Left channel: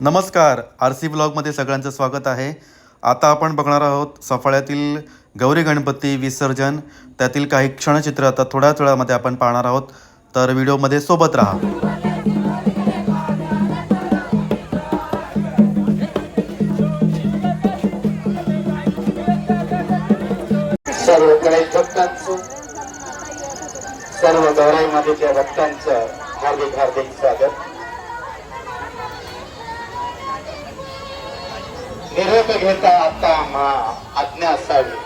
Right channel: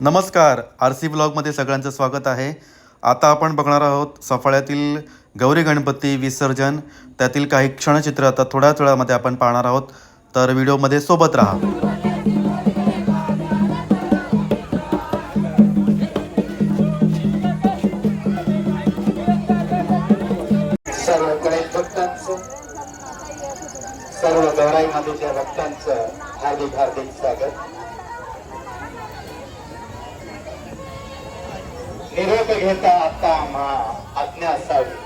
नमस्कार R C ब्लॉगमध्ये सगळ्यांचं स्वागत आहे. आता आपण बघणार आहोत सफाळ्यातील गौरी गणपती विसर्जन. त्यातील काही क्षणचित्र आता थोड्याच वेळामध्ये आपण पाहणार आहोत. तर व्हिडिओमध्ये सोबत राहा. सर्व गौराई मातेच्या भक्तांचं हार्दिक हार्दिक स्वागत. निरोप घेता आता मा आज्ञा असावी.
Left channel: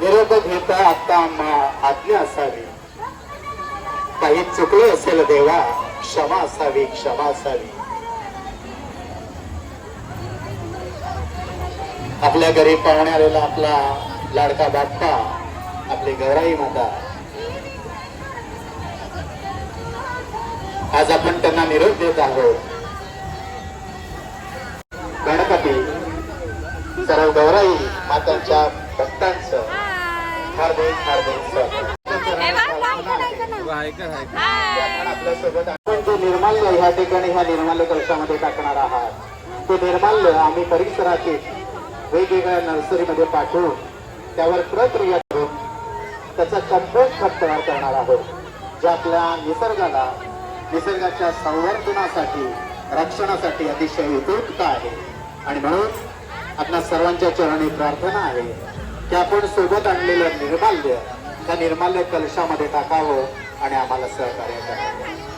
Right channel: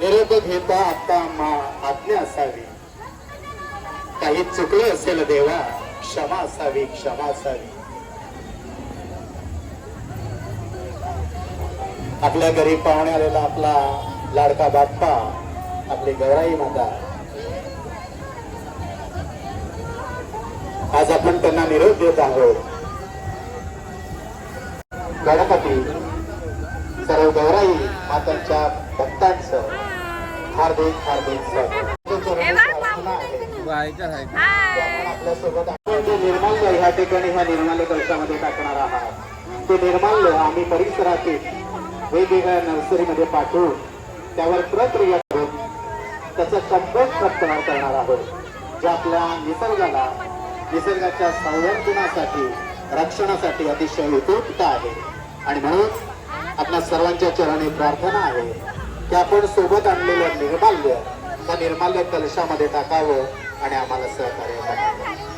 निरोप घेता आता मा आज्ञा असावी. काही चुकलं असेल देवा क्षमा असावी क्षमा असावी. आपल्या घरी पाहुणे आलेला आपला लाडका बाप्पा आपली गौराई माता. आज आपण त्यांना निरोप देत आहोत. मातांच्या भक्तांचं हार्दिक हार्दिक स्वागत. आपण आपल्यासोबत आपण जे निर्माल्य ह्या ठिकाणी ह्या निर्माल्य कलशामध्ये टाकणार आहात ते निर्माल्य आम्ही परिसरातील वेगवेगळ्या नर्सरीमध्ये पाठवून त्यावर प्रक्रिया करून त्याचा कंपोस्ट खत तयार करणार आहोत जे आपल्या निसर्गाला निसर्गाच्या संवर्धनासाठी रक्षणासाठी अतिशय उपयुक्त आहे. आणि म्हणून आपल्या सर्वांच्या चरणी प्रार्थना आहे की आपण सोबत आणलेलं निर्माल्य त्या निर्माल्य कलशामध्ये टाकावं आणि आम्हाला सहकार्य करावं.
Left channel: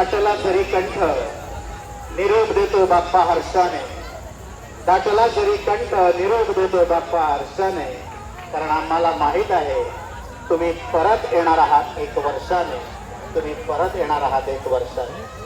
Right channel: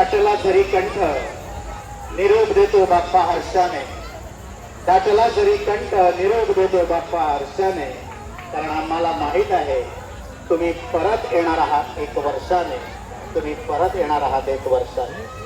दाटला जरी कंठ निरोप देतो बाप्पा हर्षाने. दाटला जरी कंठ निरोप देतो बाप्पा हर्षाने. कारण आम्हाला माहीत आहे तुम्ही परत येणार आहात एक वर्षाने. तुम्ही परत येणार आहात एक वर्षाने.